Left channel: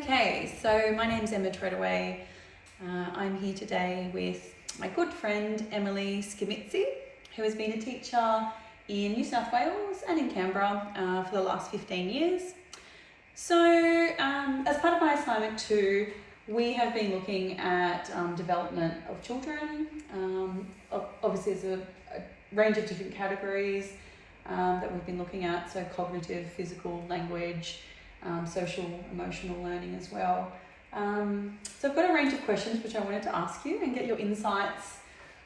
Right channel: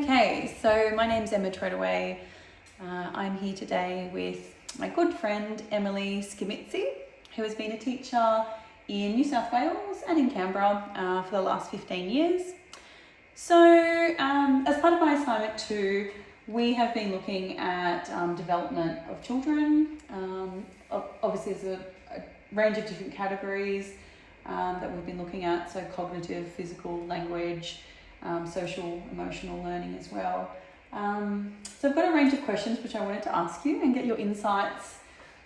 Okay, so my name's Emma Treadaway. I'm here today with my good friend Emily Skimitzi, who has been a teacher in New South Wales and in Canberra for the last 15 years. So as part of my assignment too, we have been looking at development of children. Obviously there's a range of different categories that we've been looking at, so cognitive, physical, language, social, emotional learning as well. So I've got a range of questions which I wanted to ask you and get your insights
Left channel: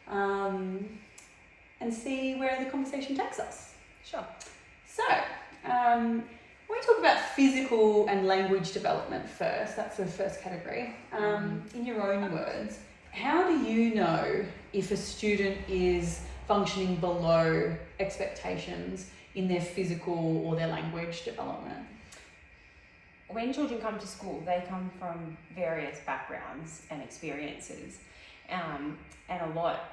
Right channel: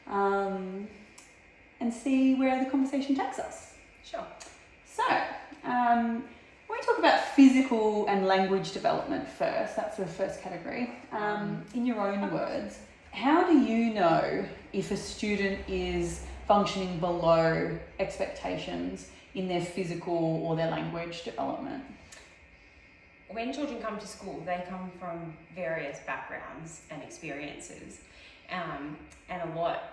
and see where the conversation takes us. Sure. So, I want to talk about physical and language development first. That's the first category. In your own words, how do you know if a student is functioning below expectations in their physical or their language development? When children come to school, they come from various backgrounds and experiences, and a lot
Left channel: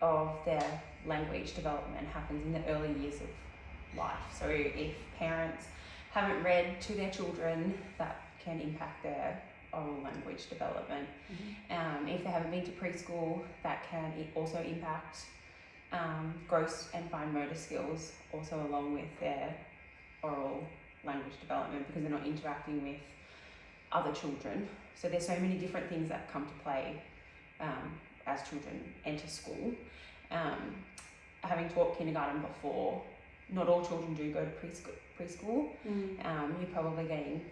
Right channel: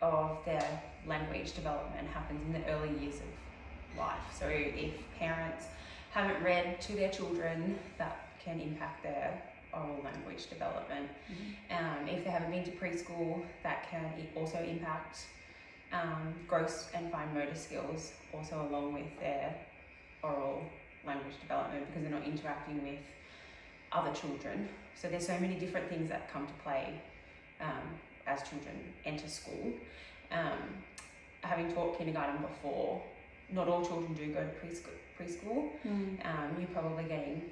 of their language development happens in the early years of life. So if parents haven't read to their children, that can impact their oral language development. If they haven't been to preschool, that can also impact gross and fine motor skills, also along with their oral language development, because they're not interacting with other children. So there's so many different things that come to play as children enter school. Having taught kindergarten before, not all children do go to preschool. You're probably getting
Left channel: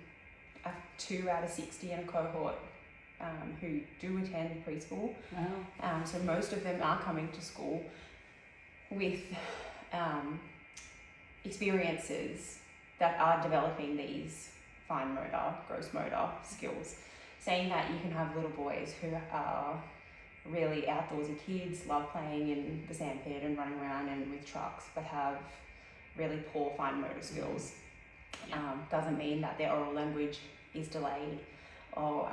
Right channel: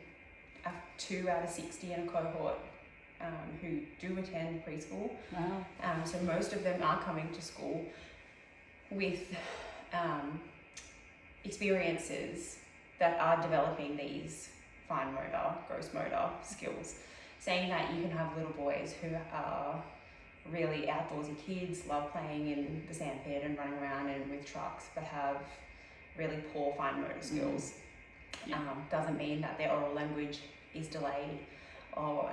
2 out of 60 in a cohort who do attend preschool. Wow. So most of them are coming to school with experiences that are developing these fine motor, gross motor skills. Saying that, you can have little boys who are really outdoorsy kids, love playing in the sandpit and running around and with trucks, but have really poor fine motor skills. Doesn't mean that their oral language is delayed or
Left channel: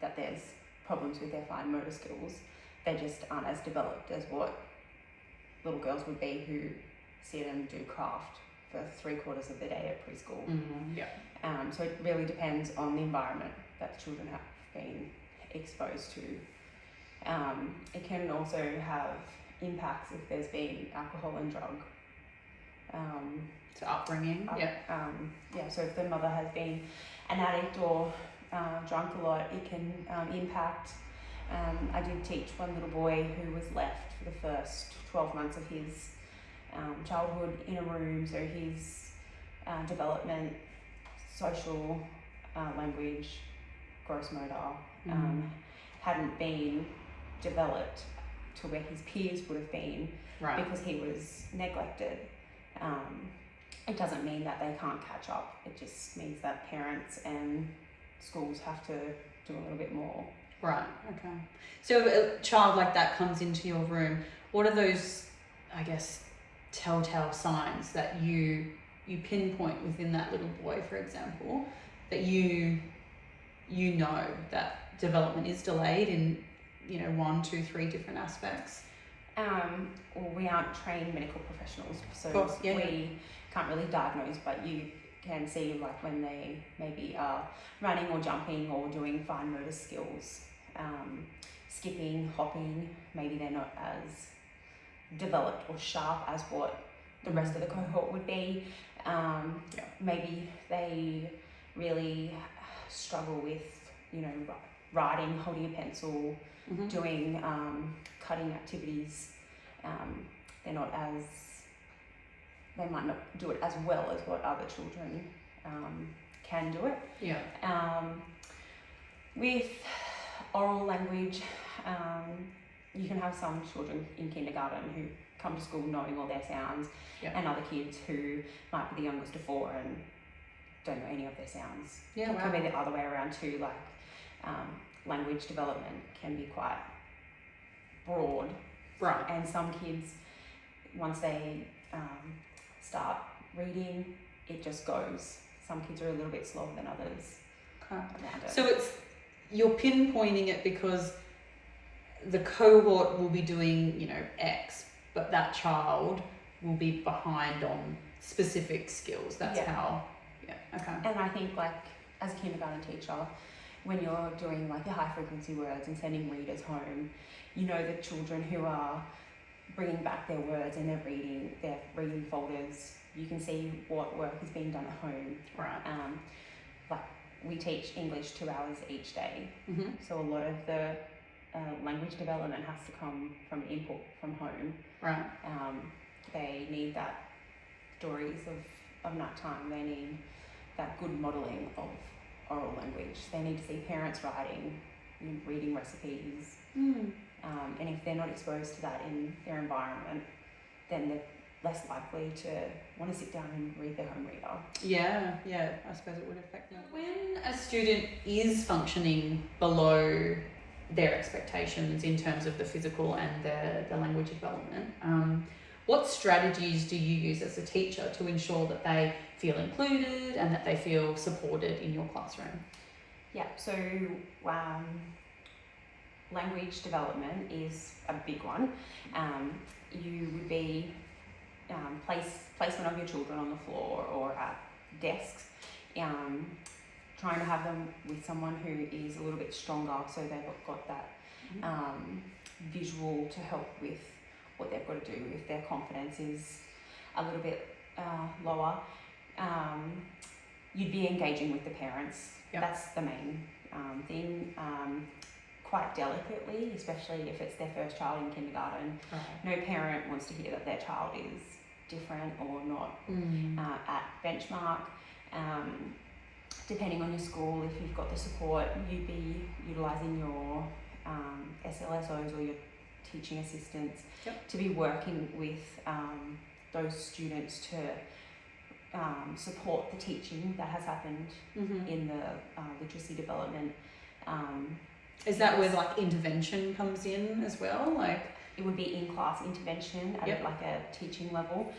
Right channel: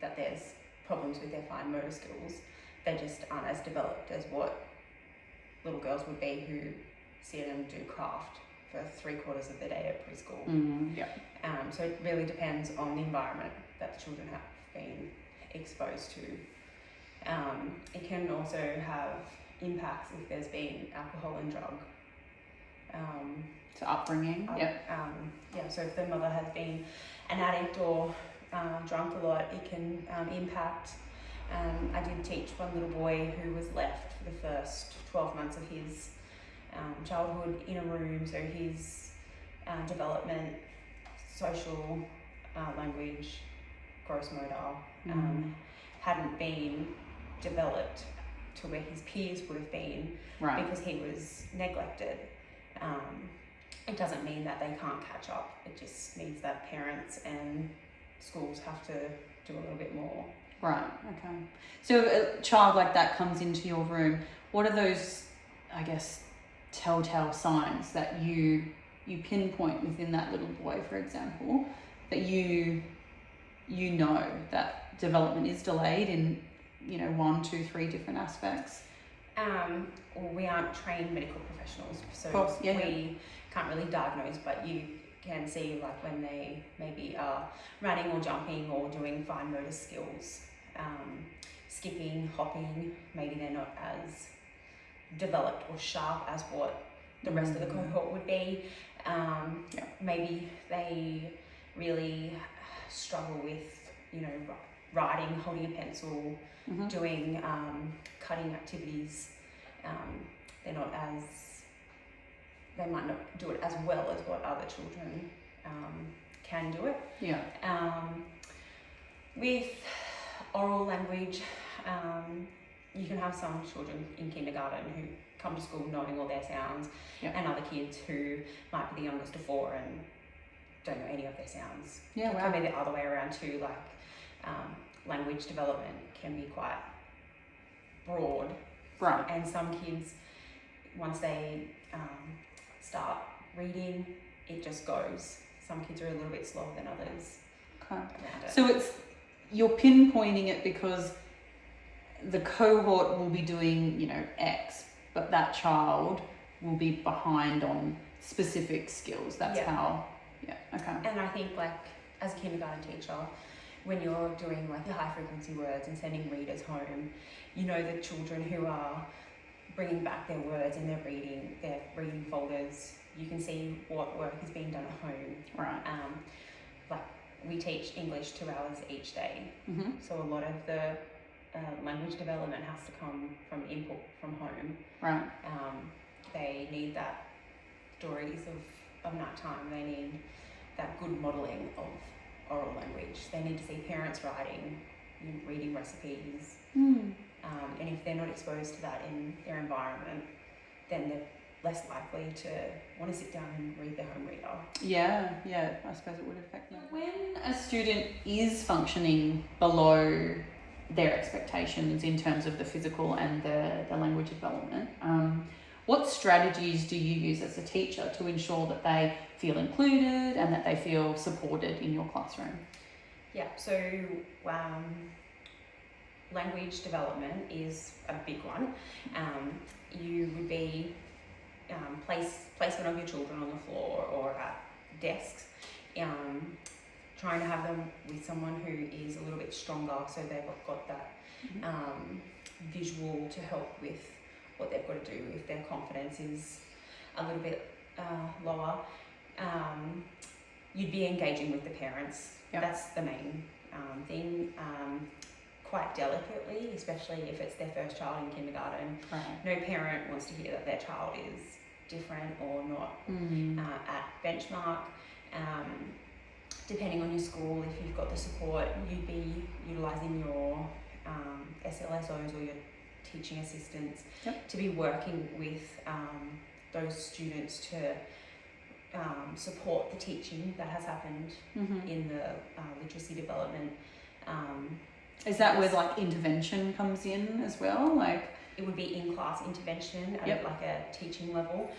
that there's problems with their fine motor skills. They just aren't as developed as what little girls would be who see them do craft for 3/4 of the day at preschool. So it really depends on the environment that the children have been exposed to. It can also have impacts if there's been alcohol and drug. So upbringing. So if the mother has been an addict or drunk a lot, it can impact. I did teach one little boy who was left for the first 12 months of his childhood in a room, so his development, social, language, gross motor hadn't been developed to where his peers would have been, because he was neglected. It doesn't mean that they can't catch up, it just means that parents and schools have to do a little bit more. Right, okay. So a child like that comes into your room, what are those, I guess, telltale signs that you pinpoint within that little boy, for example, that you know that development is delayed in 1, 2, 3 different aspects? We aren't trained medical professionals, so course, we can't really diagnose, but you can see like when they maybe are running or jumping or doing fine motor skills, skipping, hopping, maybe they're not as developed or sharp as what the rest of the cohort would be. Maybe they really struggle with writing, holding a pencil, doing cutting activities. They might not do it as well as what other children can do it. With oral language, you can have some children in kindergarten who come to school knowing all their sounds, and other kids who might be the youngest of 4 and don't know any of their sounds. It can be the other way around too, like language development can be quite broad. And some kids, once they start reading, it just goes. Some kids are a little bit slower than others. Around it. So you're pinpointing it because the cohort will be doing, X, but that child will be behind on specific skills. That's how, okay. And I think like as a kindergarten teacher, when you're doing like the high frequency words and sending readers home, you know the children who are bringing back their words and their reading folders, you can see what work is being done at home. Right. Like we teach English 2 hours each day, Mm-hmm. so a lot of the language development has to come from input from home. Right. They need that stories of night time. They need that good modelling of oral language. They need to see parents writing, reading recipes. And if they're not exposed to that in their environment, then they're less likely to want to sit down and read their home reader. Yeah, I suppose it would affect them. When a student is functioning below their expectations in terms of the physical and the language development, what strategies do you use as a teacher to ensure that they feel included and that they feel supported in your classroom? Yeah, so language development is a big one. You would be placement of your children on the floor or at desks, trying to have them with someone who is a little bit stronger, so they've got that visual to help with what they've got to do if their confidence is a little bit lower. You'd be engaging with the parents. Yep. That's the main thing. Quite delicately, especially if it's their first child in kindergarten. Okay. No parent wants to hear that their child is different or not at benchmark. Depending on your school, if you've got the support, you'd be utilising your SLSOs or your teaching assistants to be working with those students to support the teaching that has happened in the literacy development. Is that where like intervention comes in as well? Like it would be in-class intervention at like a teaching level.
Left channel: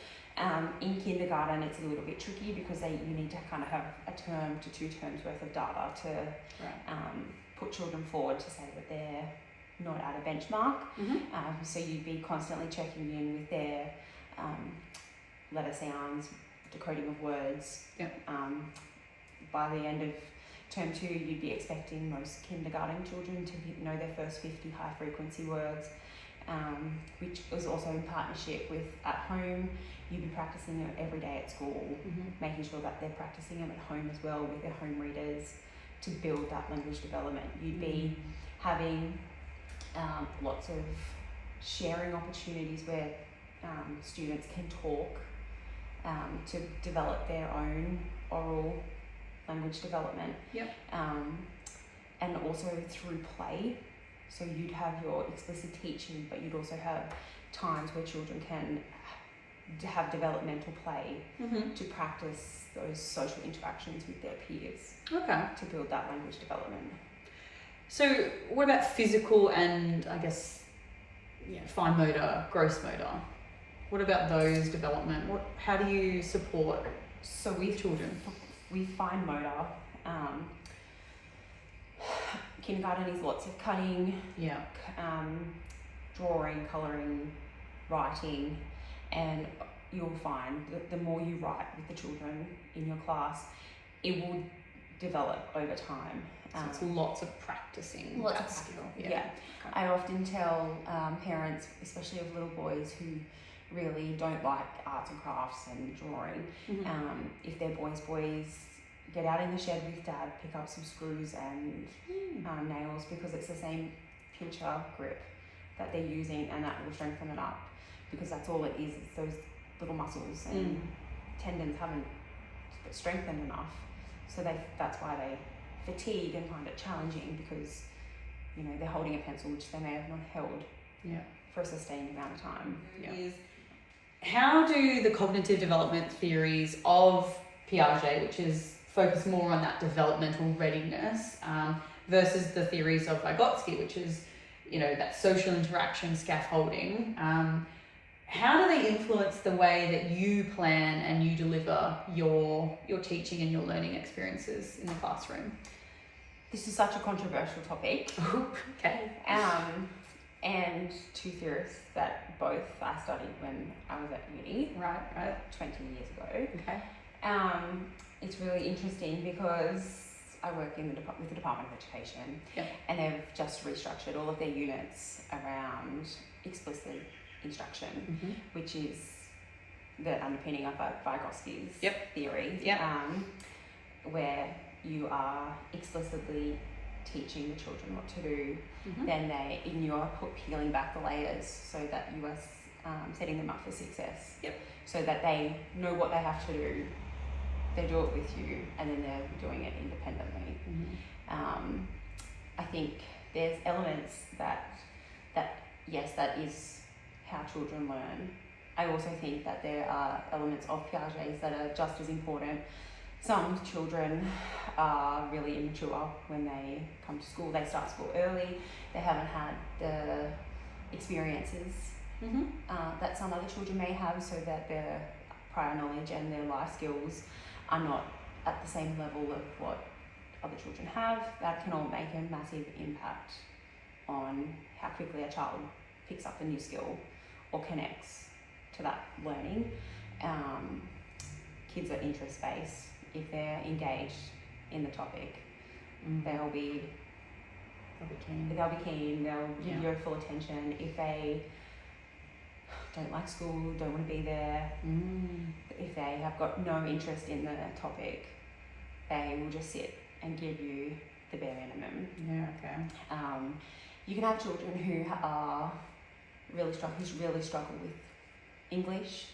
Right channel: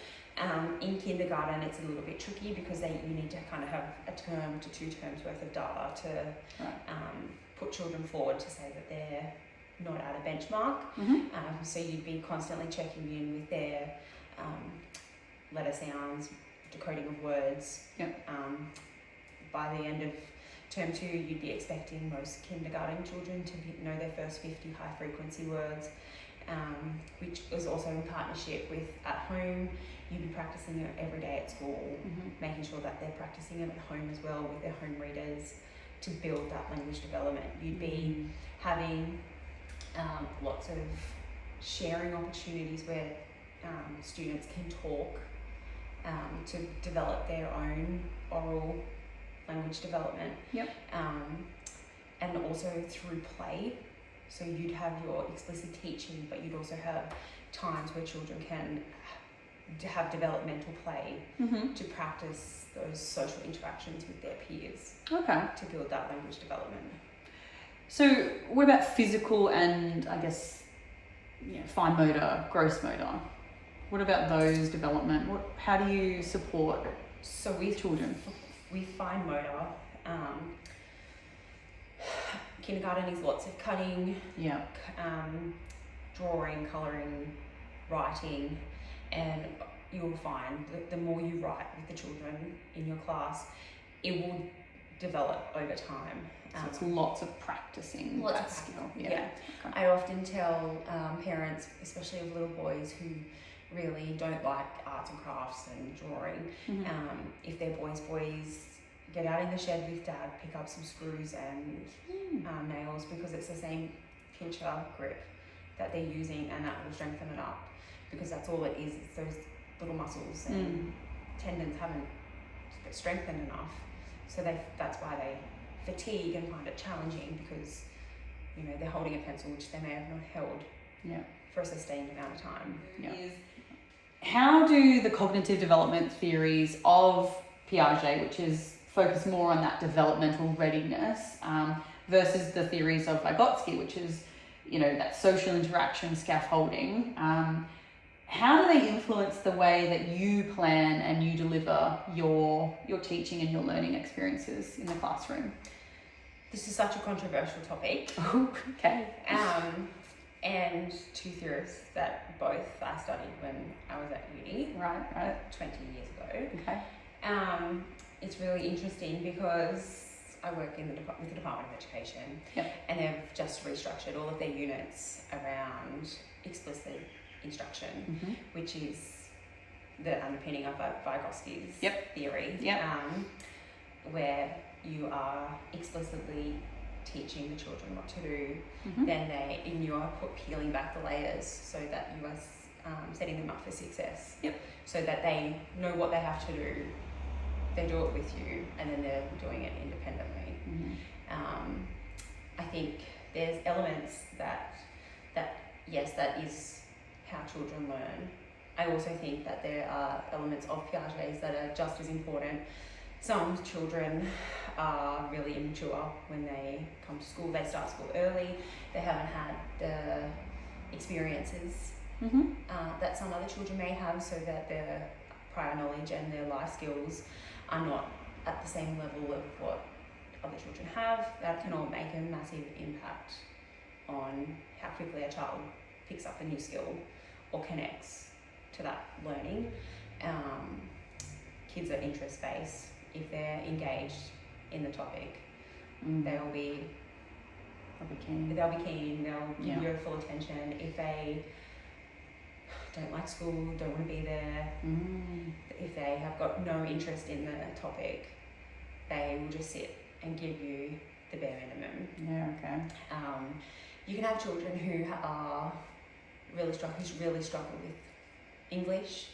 In kindergarten, it's a little bit tricky because you need to kind of have a term to 2 terms worth of data to put children forward to say that they're not at a benchmark. So you'd be constantly checking in with their letter sounds, decoding of words. By the end of term 2, you'd be expecting most kindergarten children to know their first 50 high frequency words, which is also in partnership with at home. You'd be practicing it every day at school, making sure that they're practicing it at home as well with their home readers to build that language development. You'd be having lots of sharing opportunities where students can talk to develop their own oral language development. And also through play. So you'd have your explicit teaching, but you'd also have times where children can have developmental play to practice those social interactions with their peers. To build that language development. So what about physical and I guess fine motor, gross motor? What about those development? How do you support with children? We fine motor. Kindergarten is lots of cutting, drawing, colouring, writing, and you'll find that the more you write with the children in your class, it will develop over time. So it's lots of practicing. I often tell parents, especially of little boys who really don't like arts and crafts and drawing, if they're boys, get out in the shed with dad, pick up some screws and nails, because it's the same pincher grip that they're using, and that will strengthen it up, because that's all it is. It's those little muscles and tendons haven't strengthened enough, so that's why they fatigue and find it challenging, because they're holding a pencil which they may have not held for a sustained amount of time. How do the cognitive development theories of Piaget, which is focused more on that developmental readiness, versus the theories of Vygotsky, which is that social interaction scaffolding, how do they influence the way that you plan and you deliver your teaching and your learning experiences in the classroom? This is such a controversial topic. Okay. And 2 theorists that both I studied when I was at uni, 20 years ago. Okay. It's really interesting because I work in with the Department of Education, Yep. and they've just restructured all of their units around explicit instruction, which is the underpinning of Vygotsky's theory, where you are explicitly teaching the children what to do, then you are peeling back the layers so that you are setting them up for success, so that they know what they have to do, they do it with you, and then they're doing it independently. I think there's elements that yes, that is how children learn. I also think that there are elements of Piaget's that are just as important. Some children are really immature when they come to school. They start school early. They haven't had the experiences that some other children may have, so that their prior knowledge and their life skills are not at the same level of what other children have. That can all make a massive impact on how quickly a child picks up a new skill or connects to that learning. Kids are interest-based. If they're engaged in the topic, they'll be keen. They'll give you full attention. If they don't like school, don't want to be there, if they have got no interest in the topic, they will just sit and give you the bare minimum. You can have children who are really struggle with English,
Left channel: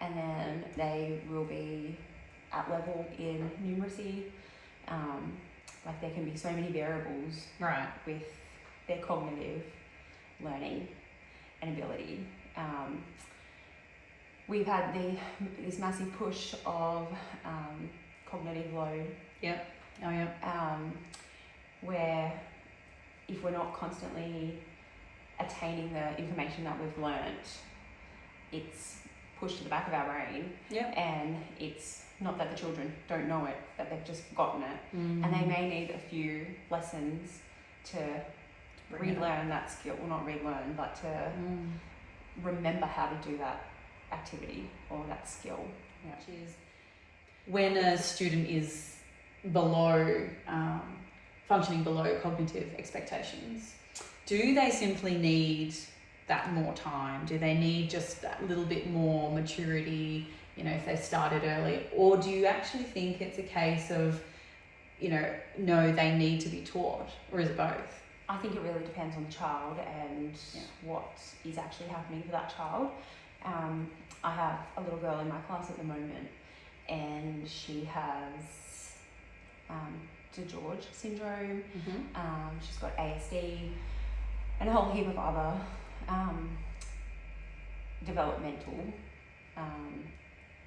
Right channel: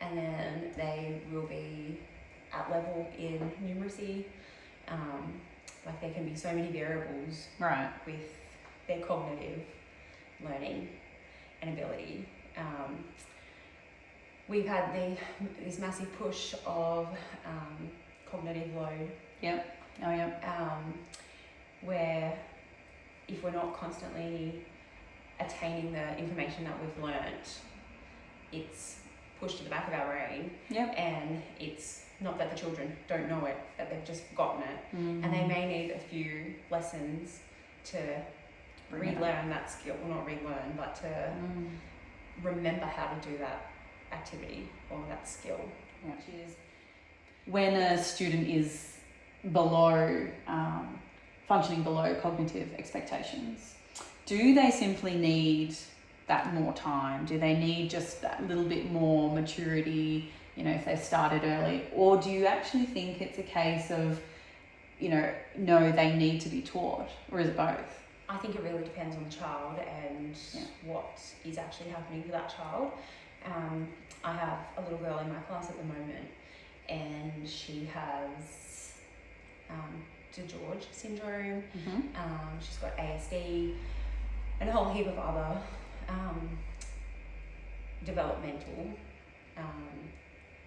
and then they will be at level in numeracy. Like there can be so many variables with their cognitive learning and ability. We've had this massive push of cognitive load. Where if we're not constantly attaining the information that we've learnt, it's pushed to the back of our brain, and it's not that the children don't know it, that they've just forgotten it, and they may need a few lessons to relearn that skill, well, not relearn, but to remember how to do that activity or that skill. Which is when a student is functioning below cognitive expectations, do they simply need that more time? Do they need just that little bit more maturity, if they started early? Or do you actually think it's a case of, no, they need to be taught? Or is it both? I think it really depends on the child and what is actually happening to that child. I have a little girl in my class at the moment, and she has DeGeorge syndrome. She's got ASD and a whole heap of other developmental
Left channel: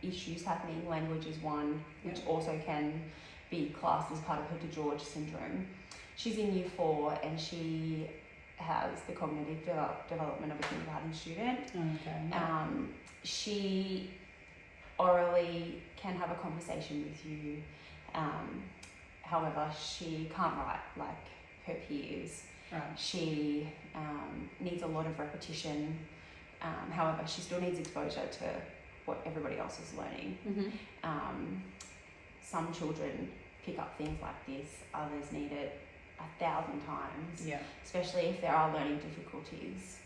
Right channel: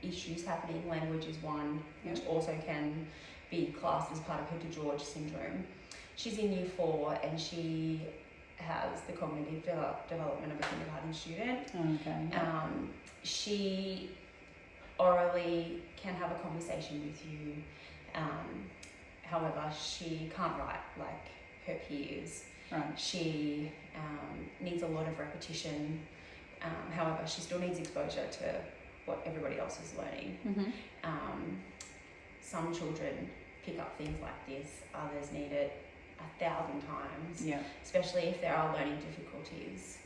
issues happening. Language is one, which also can be classed as part of her DeGeorge syndrome. She's in Year 4, and she has the cognitive development of a kindergarten student. She orally can have a conversation with you. However, she can't write like her peers. She needs a lot of repetition. However, she still needs exposure to what everybody else is learning. Some children pick up things like this, others need it 1,000 times, especially if there are learning difficulties.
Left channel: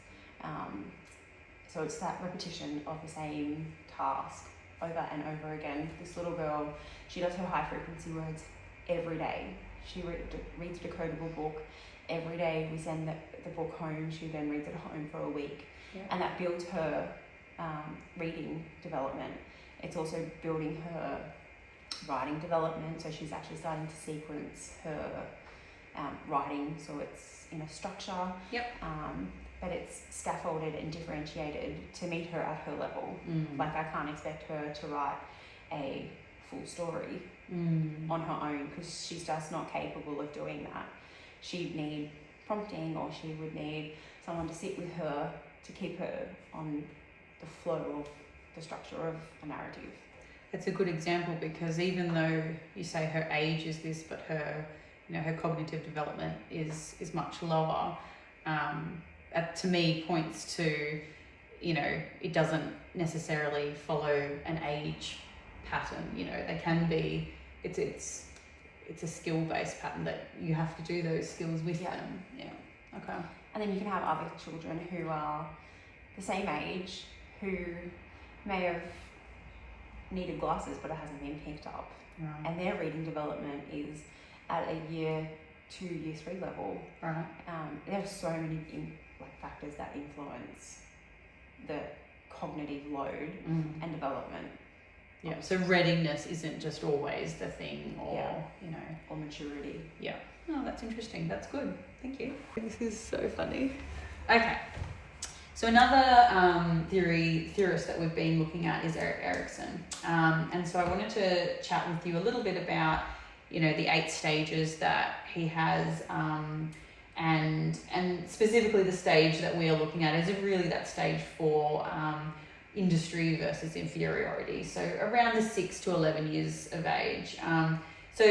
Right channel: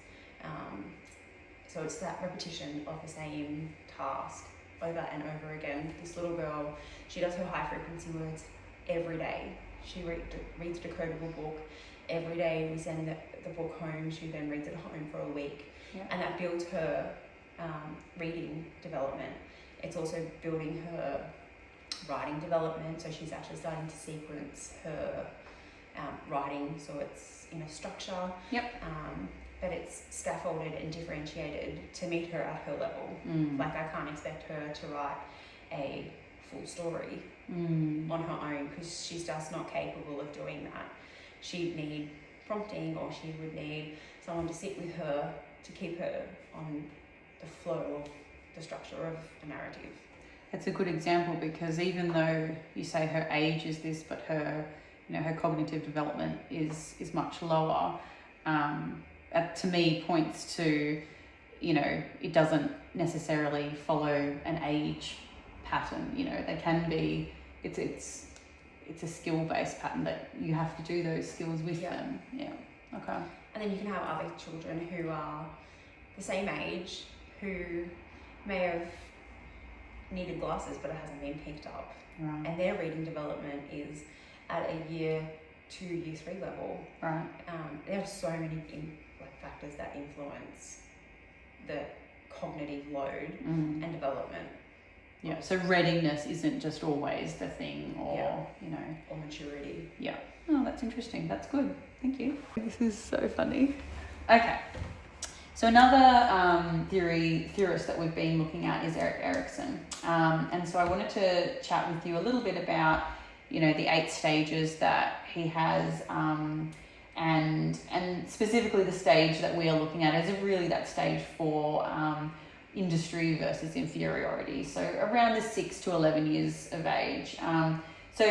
So it's that repetition of the same task over and over again. This little girl, she does her high frequency words every day. She reads a decodable book every day. We send the book home. She then reads it at home for a week, and that builds her reading development. It's also building her writing development, so she's actually starting to sequence her writing, so it's in a structure, but it's scaffolded and differentiated to meet her at her level. Like I can't expect her to write a full story on her own, because she's just not capable of doing that. She'd need prompting, or she would need someone to sit with her to keep her on the flow of the structure of a narrative. It's a good example, because even though you say her age is this, but her her cognitive development is much lower, to me points to, it doesn't necessarily follow an age pattern. They can be, it's it's a skill-based pattern that you have to do those skills with them. Yeah. Okay. And then you can have other children who are the same age who may have needed glasses but it hasn't been picked up. Right. And their reading development is at a year 2, year 3 level. Right. There are so many factors that influence the cognitive load and development. Yeah, so readiness isn't just always the thing, or or maturity. Yeah. Oh, that's interesting. That's good. Thank you. This is so funny. Okay. So another theorist that we've been looking at is Erikson, and so I wanted to chat with you a little bit about the 8 stages that he has, and specifically the stage that we are looking at is really that stage for industry versus inferiority. So around the 6 to 11 years of age. So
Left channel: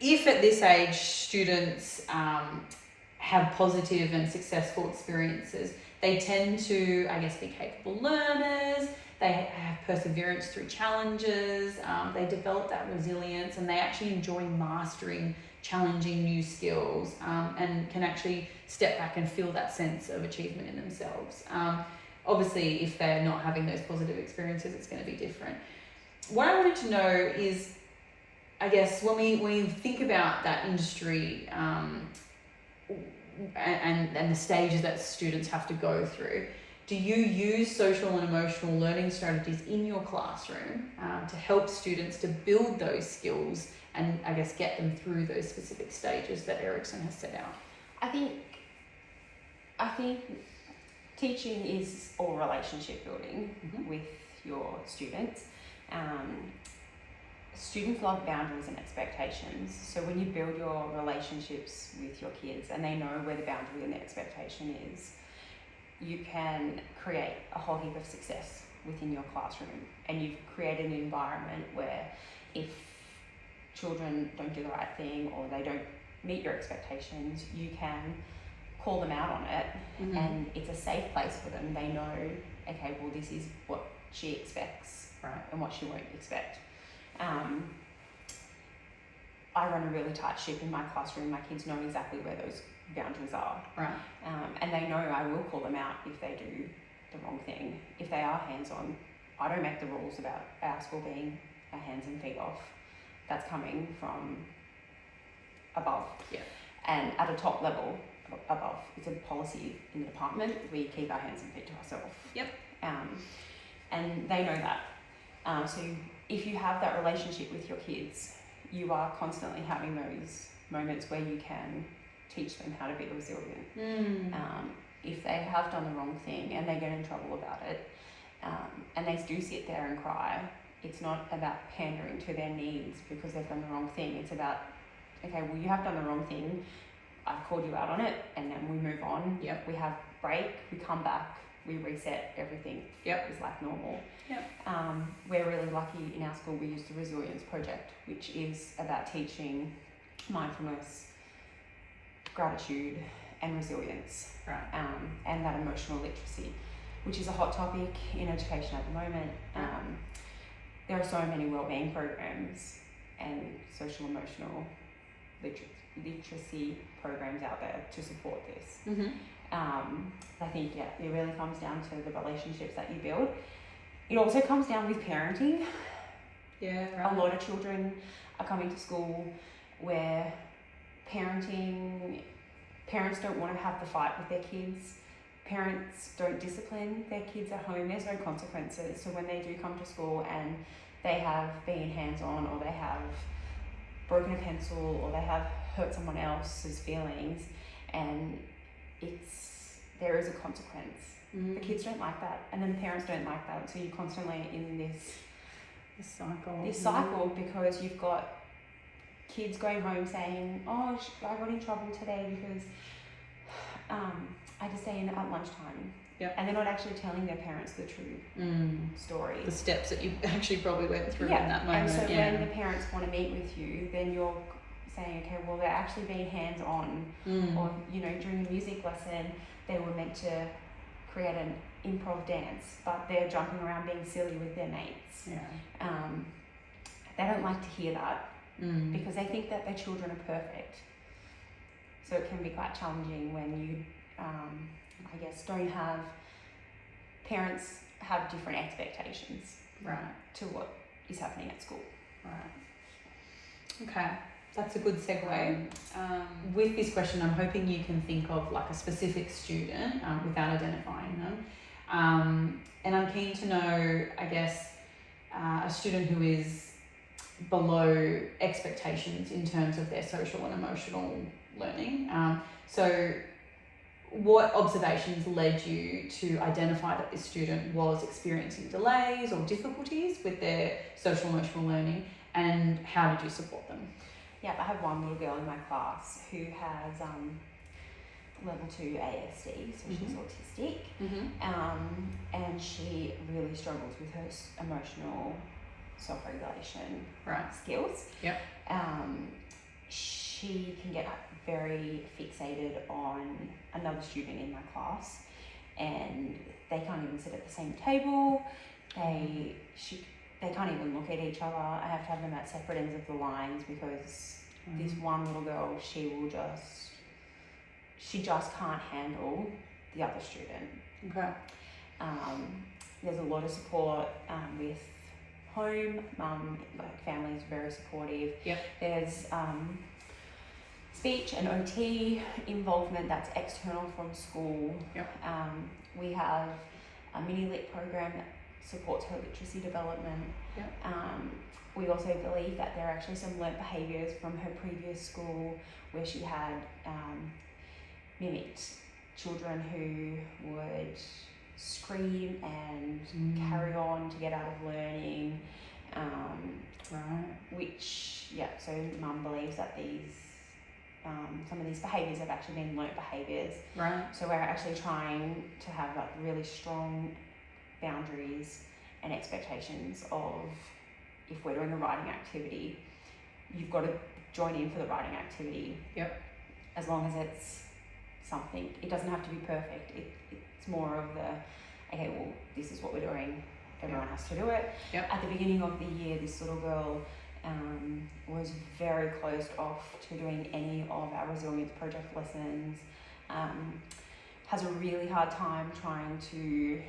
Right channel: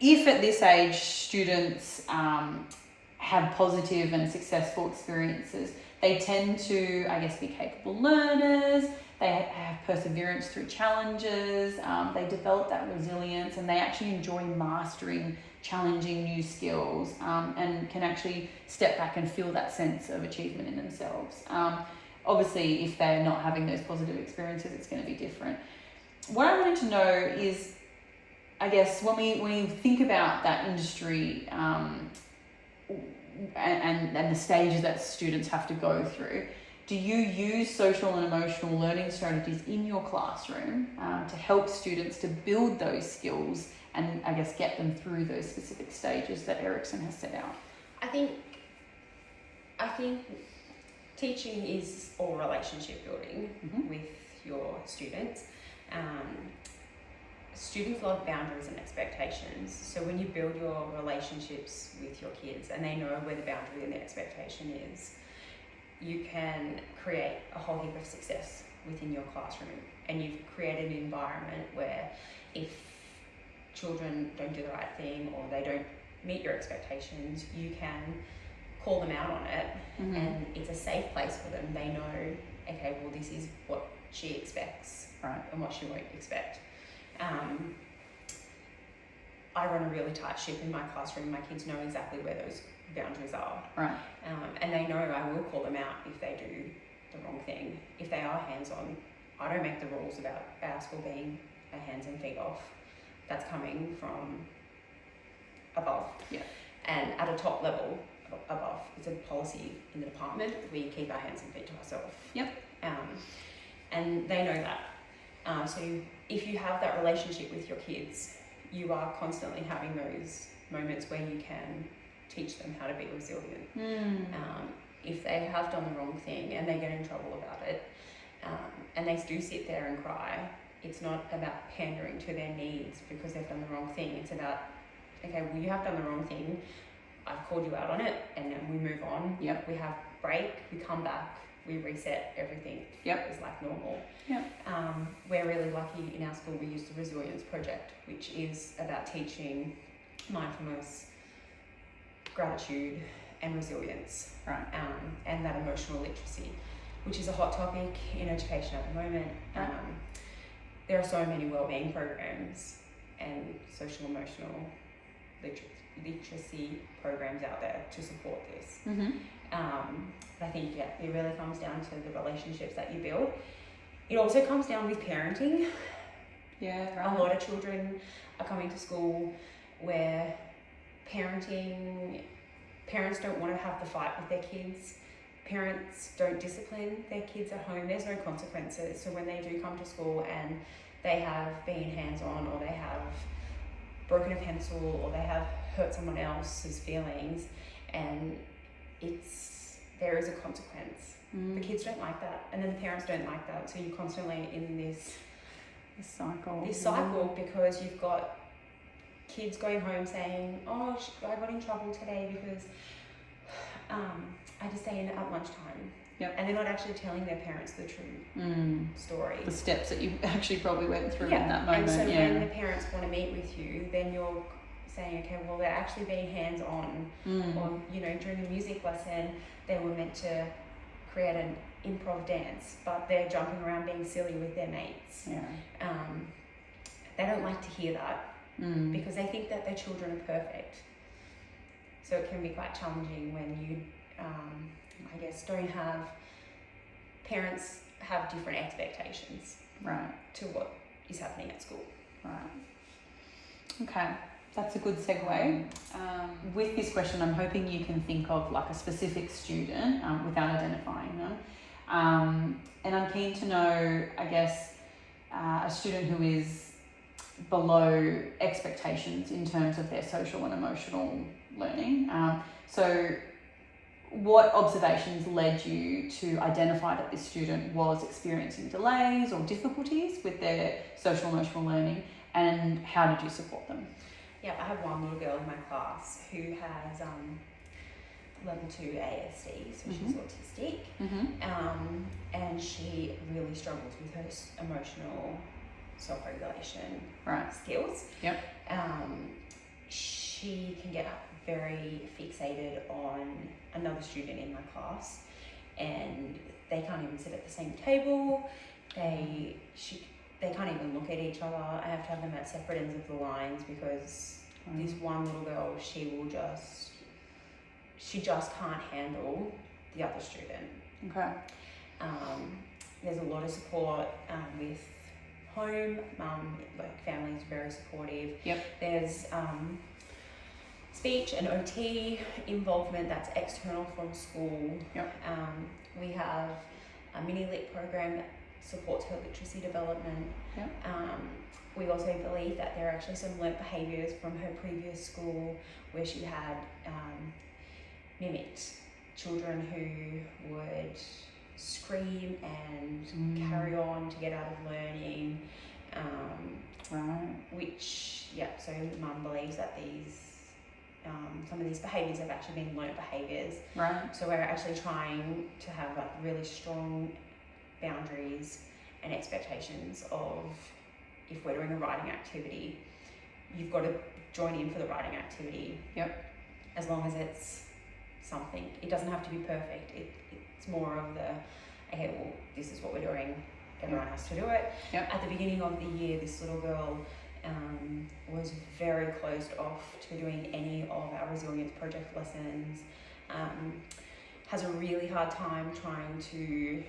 if at this age students have positive and successful experiences, they tend to, be capable learners. They have perseverance through challenges. They develop that resilience, and they actually enjoy mastering challenging new skills, and can actually step back and feel that sense of achievement in themselves. Obviously, if they're not having those positive experiences, it's going to be different. What I wanted to know is, when we think about that industry and the stages that students have to go through, do you use social and emotional learning strategies in your classroom to help students to build those skills and get them through those specific stages that Erikson has set out? I think teaching is all relationship building with your students. Students love boundaries and expectations. So when you build your relationships with your kids and they know where the boundary and the expectation is, you can create a whole heap of success within your classroom. And you've created an environment where if children don't do the right thing or they don't meet your expectations, you can call them out on it, and it's a safe place for them. They know, okay, well, this is what she expects, right, and what she won't expect. I run a really tight ship in my classroom. My kids know exactly where those boundaries are, right, and they know I will call them out if they do the wrong thing. If they are hands-on, I don't make the rules about our school being a hands and feet off. That's coming from above, and at a top level above. It's a policy in the department. We keep our hands and feet to ourselves. And they know that. So if you have that relationship with your kids, you are constantly having those moments where you can teach them how to be resilient. If they have done the wrong thing and they get in trouble about it, and they do sit there and cry, it's not about pandering to their needs because they've done the wrong thing. It's about, okay, well, you have done the wrong thing. I've called you out on it, and then we move on. We have break, we come back, we reset, everything is like normal. We're really lucky in our school. We use the Resilience Project, which is about teaching mindfulness, gratitude, and resilience, and that emotional literacy, which is a hot topic in education at the moment. There are so many wellbeing programs and social emotional literacy programs out there to support this. I think it really comes down to the relationships that you build. It also comes down with parenting. A lot of children are coming to school where parents don't want to have the fight with their kids. Parents don't discipline their kids at home. There's no consequences. So when they do come to school and they have been hands-on, or they have broken a pencil, or they have hurt someone else's feelings, and there is a consequence. The kids don't like that, and then the parents don't like that. So you're constantly in this cycle because you've got kids going home saying, "Oh, I got in trouble today because I just stay in at lunchtime." And they're not actually telling their parents the true story. The steps that you actually probably went through in that moment. And so when the parents want to meet with you, then you're saying, okay, well, they're actually being hands-on. Or, during the music lesson, they were meant to create an improv dance, but they're jumping around being silly with their mates. They don't like to hear that. because they think that their children are perfect. So it can be quite challenging when you, I guess, don't have, parents have different expectations to what is happening at school. Right. Okay, that's a good segue. With this question, I'm hoping you can think of like a specific student without identifying them. And I'm keen to know, I guess, a student who is below expectations in terms of their social and emotional learning. So what observations led you to identify that this student was experiencing delays or difficulties with their social and emotional learning, and how did you support them? Yeah, I have one little girl in my class who has level 2 ASD, so she's autistic, and she really struggles with her emotional self-regulation skills. She can get very fixated on another student in my class, and they can't even sit at the same table. They can't even look at each other. I have to have them at separate ends of the lines because this one little girl, she just can't handle the other student. Okay. There's a lot of support with home. Like family's very supportive. There's speech and OT involvement that's external from school. We have a mini lit program that supports her literacy development. We also believe that there are actually some learnt behaviours from her previous school where she had mimicked children who would scream and carry on to get out of learning, so mum believes that these some of these behaviours have actually been learnt behaviours. So we're actually trying to have like really strong boundaries and expectations of, if we're doing a writing activity, you've got to join in for the writing activity. As long as it's something, it doesn't have to be perfect. It's more of the, okay, well, this is what we're doing, everyone has to do it. At the beginning of the year, this little girl was very closed off to doing any of our resilience project lessons, has a really hard time trying to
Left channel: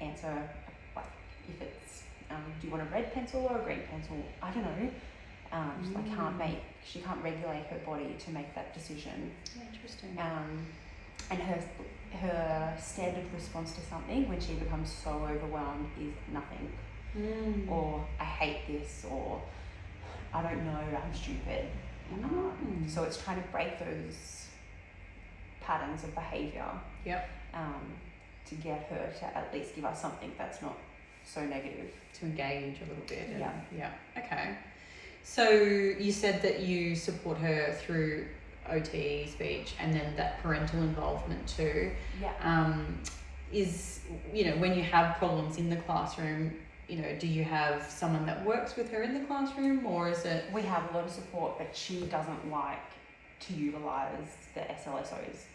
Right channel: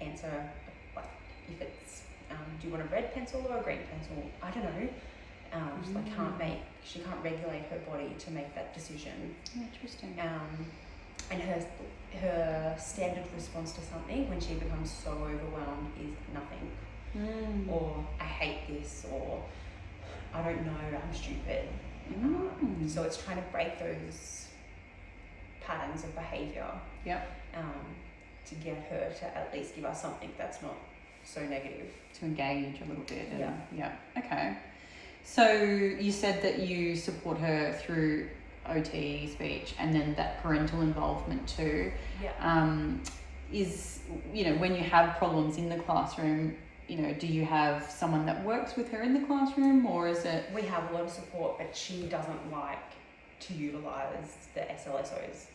answer, like, if it's, do you want a red pencil or a green pencil? I don't know. She can't regulate her body to make that decision. Interesting. And her standard response to something when she becomes so overwhelmed is nothing. Or I hate this, or I don't know, I'm stupid. So it's trying to break those patterns of behaviour to get her to at least give us something that's not so negative. To engage a little bit. Okay. So you said that you support her through OT, speech, and then that parental involvement too. Is, when you have problems in the classroom, do you have someone that works with her in the classroom, or is it? We have a lot of support, but she doesn't like to utilise the SLSOs.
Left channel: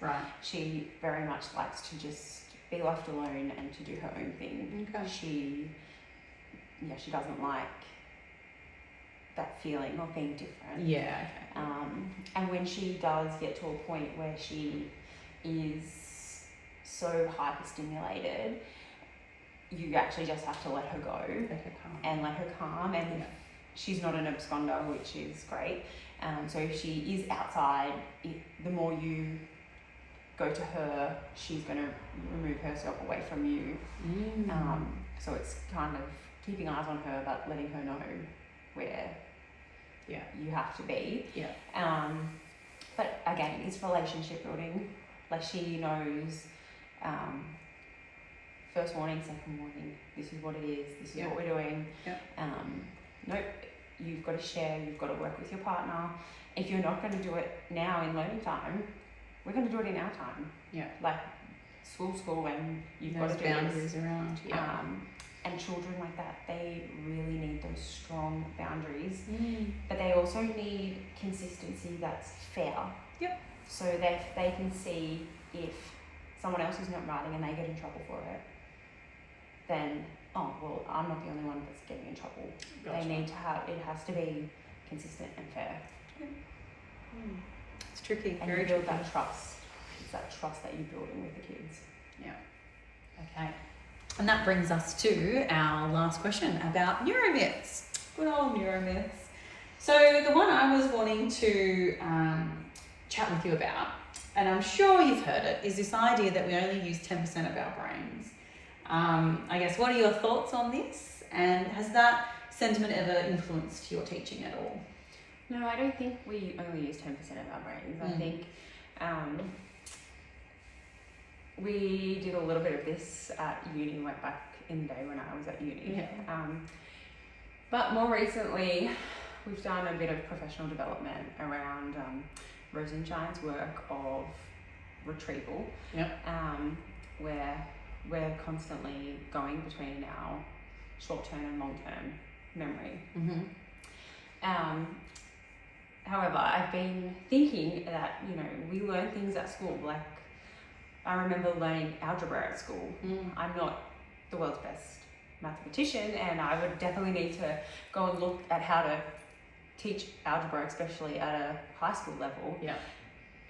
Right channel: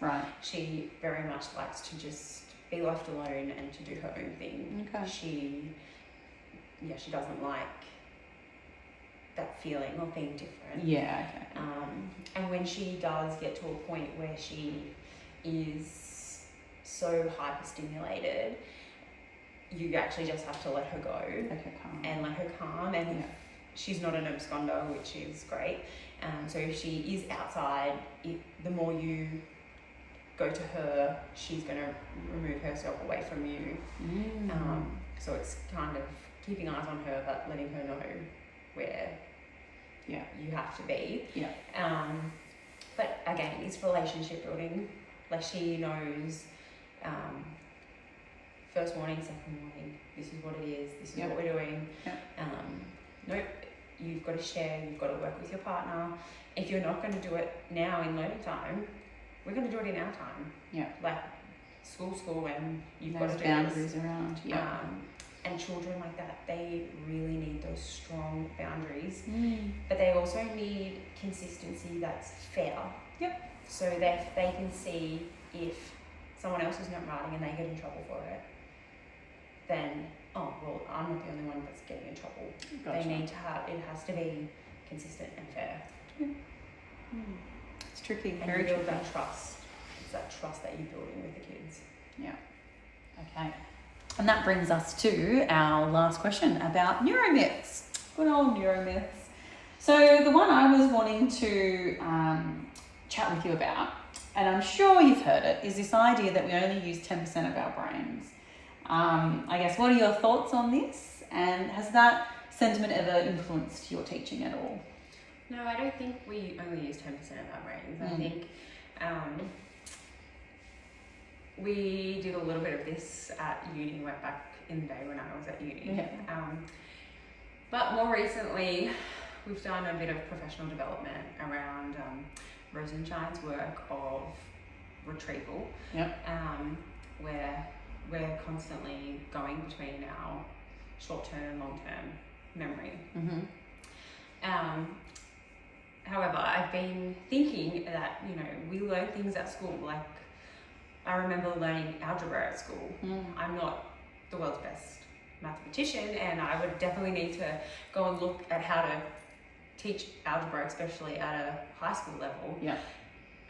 She very much likes to just be left alone and to do her own thing. She doesn't like that feeling of being different. And when she does get to a point where she is so hyperstimulated, you actually just have to let her go and let her calm. And if she's not an absconder, which is great, so if she is outside, the more you go to her, she's going to remove herself away from you. So it's kind of keeping eyes on her, but letting her know where you have to be. But again, it's relationship building. Like, she knows first warning, second warning, this is what it is, this is what we're doing. Nope, you've got to share, you've got to work with your partner. If you're not going to do it now in learning time, we're going to do it in our time. Like school, and you've got to do boundaries around. And children like that, they really need those strong boundaries, but they also need consistency that's fair. So that they can see if someone else is not writing and they get in trouble for it, then, oh, well, I'm not the only one that's getting in trouble. They need to have, it has to be consistent and fair. It's tricky. And Very you build tricky. that trust. It's that trust that you're building with the kids. Yeah. Okay. And that brings us to our last question about neuromyths. Good old neuromyths. So the one I was wanting to chat with you about, and I'm sure you've heard it, is this idea that we only use 10% of our brains. I guess, what are your thoughts on this? And has that sentiment ever influenced your teaching at all? No, I don't think we only use 10% of our brains. I think we did a little bit of this at uni, went back in the day when I was at uni. Yeah. But more recently, we've done a bit of professional development around Rosenshine's work of retrieval, where we're constantly going between our short-term and long-term memory. However, I've been thinking that, you know, we learn things at school. Like, I remember learning algebra at school. I'm not the world's best mathematician, and I would definitely need to go and look at how to teach algebra, especially at a high school level,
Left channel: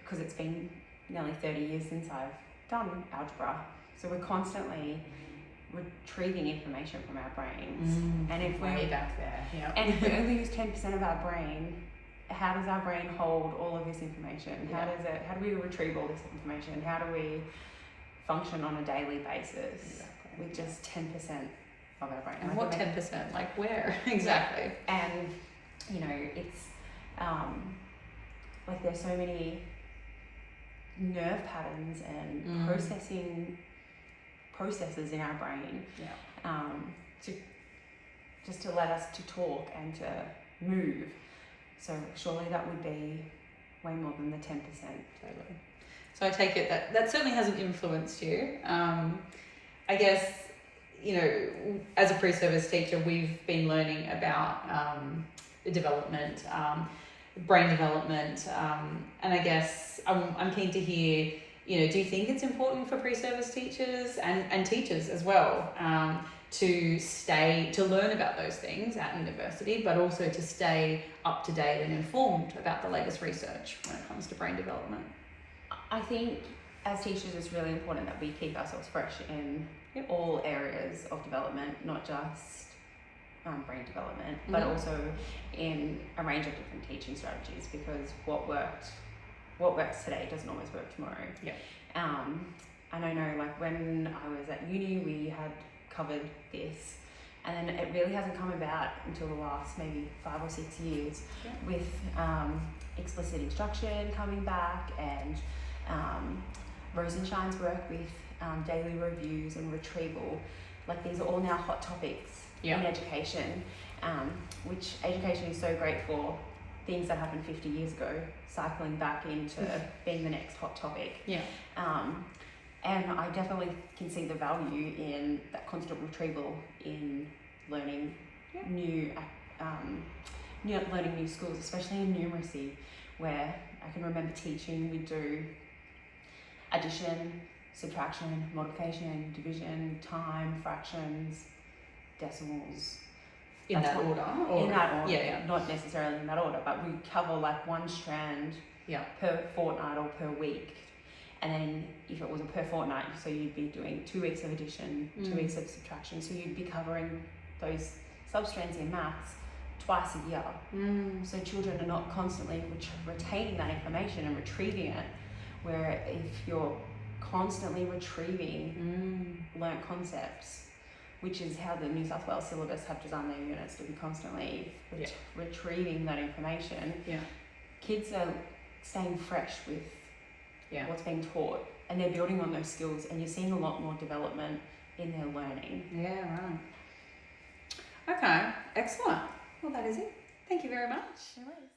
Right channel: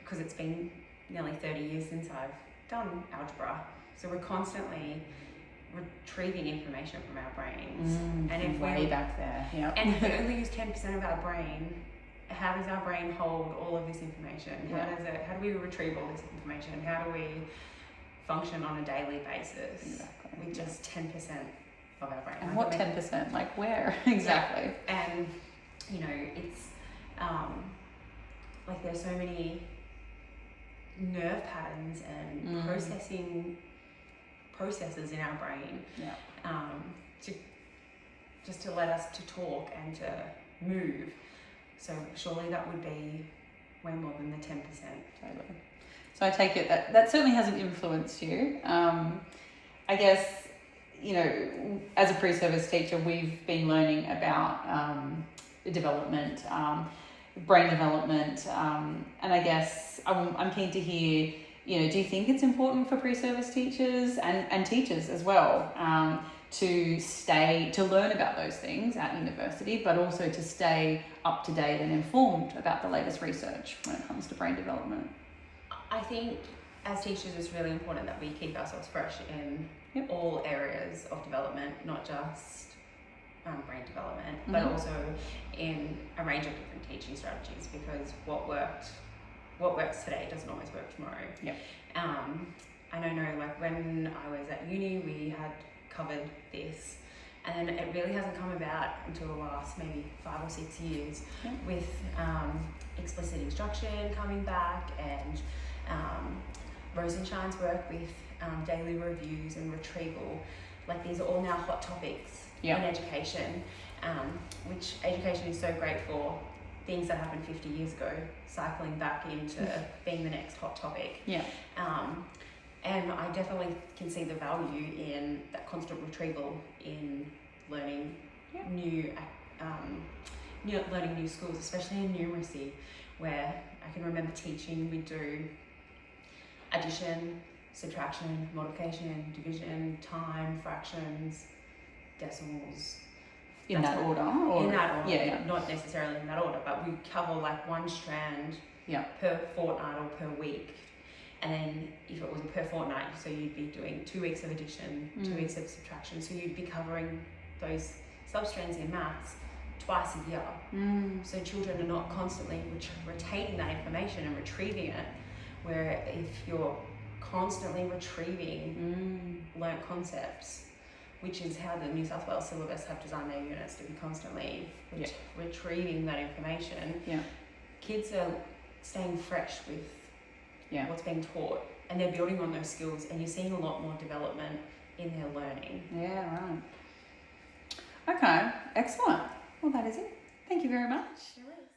because it's been nearly 30 years since I've done algebra. So we're constantly retrieving information from our brains. And if way back there, and if we only use 10% of our brain, how does our brain hold all of this information? How do we retrieve all this information? How do we function on a daily basis with just 10% of our brain? And what 10%? Like where? Exactly. And you know, it's like there's so many nerve patterns and processes in our brain to let us to talk and to move. So surely that would be way more than the 10%. Totally. So I take it that certainly hasn't influenced you. I guess, you know, as a pre-service teacher, we've been learning about development, brain development, and I guess I'm keen to hear, you know, do you think it's important for pre-service teachers and teachers as well to learn about those things at university, but also to stay up to date and informed about the latest research when it comes to brain development? I think as teachers it's really important that we keep ourselves fresh in all areas of development, not just brain development, but also in a range of different teaching strategies, because what works today doesn't always work tomorrow. And I know, like, when I was at uni, we had covered this, and then it really hasn't come about until the last maybe 5 or 6 years with explicit instruction coming back, and Rosenshine's work with daily reviews and retrieval. Like, these are all now hot topics in education, which education is so great for things that happened 50 years ago, cycling back into being the next hot topic. And I definitely can see the value in that constant retrieval in learning learning new skills, especially in numeracy, where I can remember teaching, we do addition, subtraction, multiplication, division, time, fractions, decimals. In that order? Or? In that order, not necessarily in that order, but we cover like one strand per fortnight or per week. And then if it was a per fortnight, so you'd be doing 2 weeks of addition, 2 weeks of subtraction. So you'd be covering those substrands in maths twice a year. So children are not constantly retaining that information and retrieving it, where if you're constantly retrieving learnt concepts, which is how the New South Wales syllabus have designed their units, to be constantly retrieving that information, kids are staying fresh with what's being taught, and they're building on those skills, and you're seeing a lot more development in their learning. Okay, excellent. Well, that is it. Thank you very much. No worries.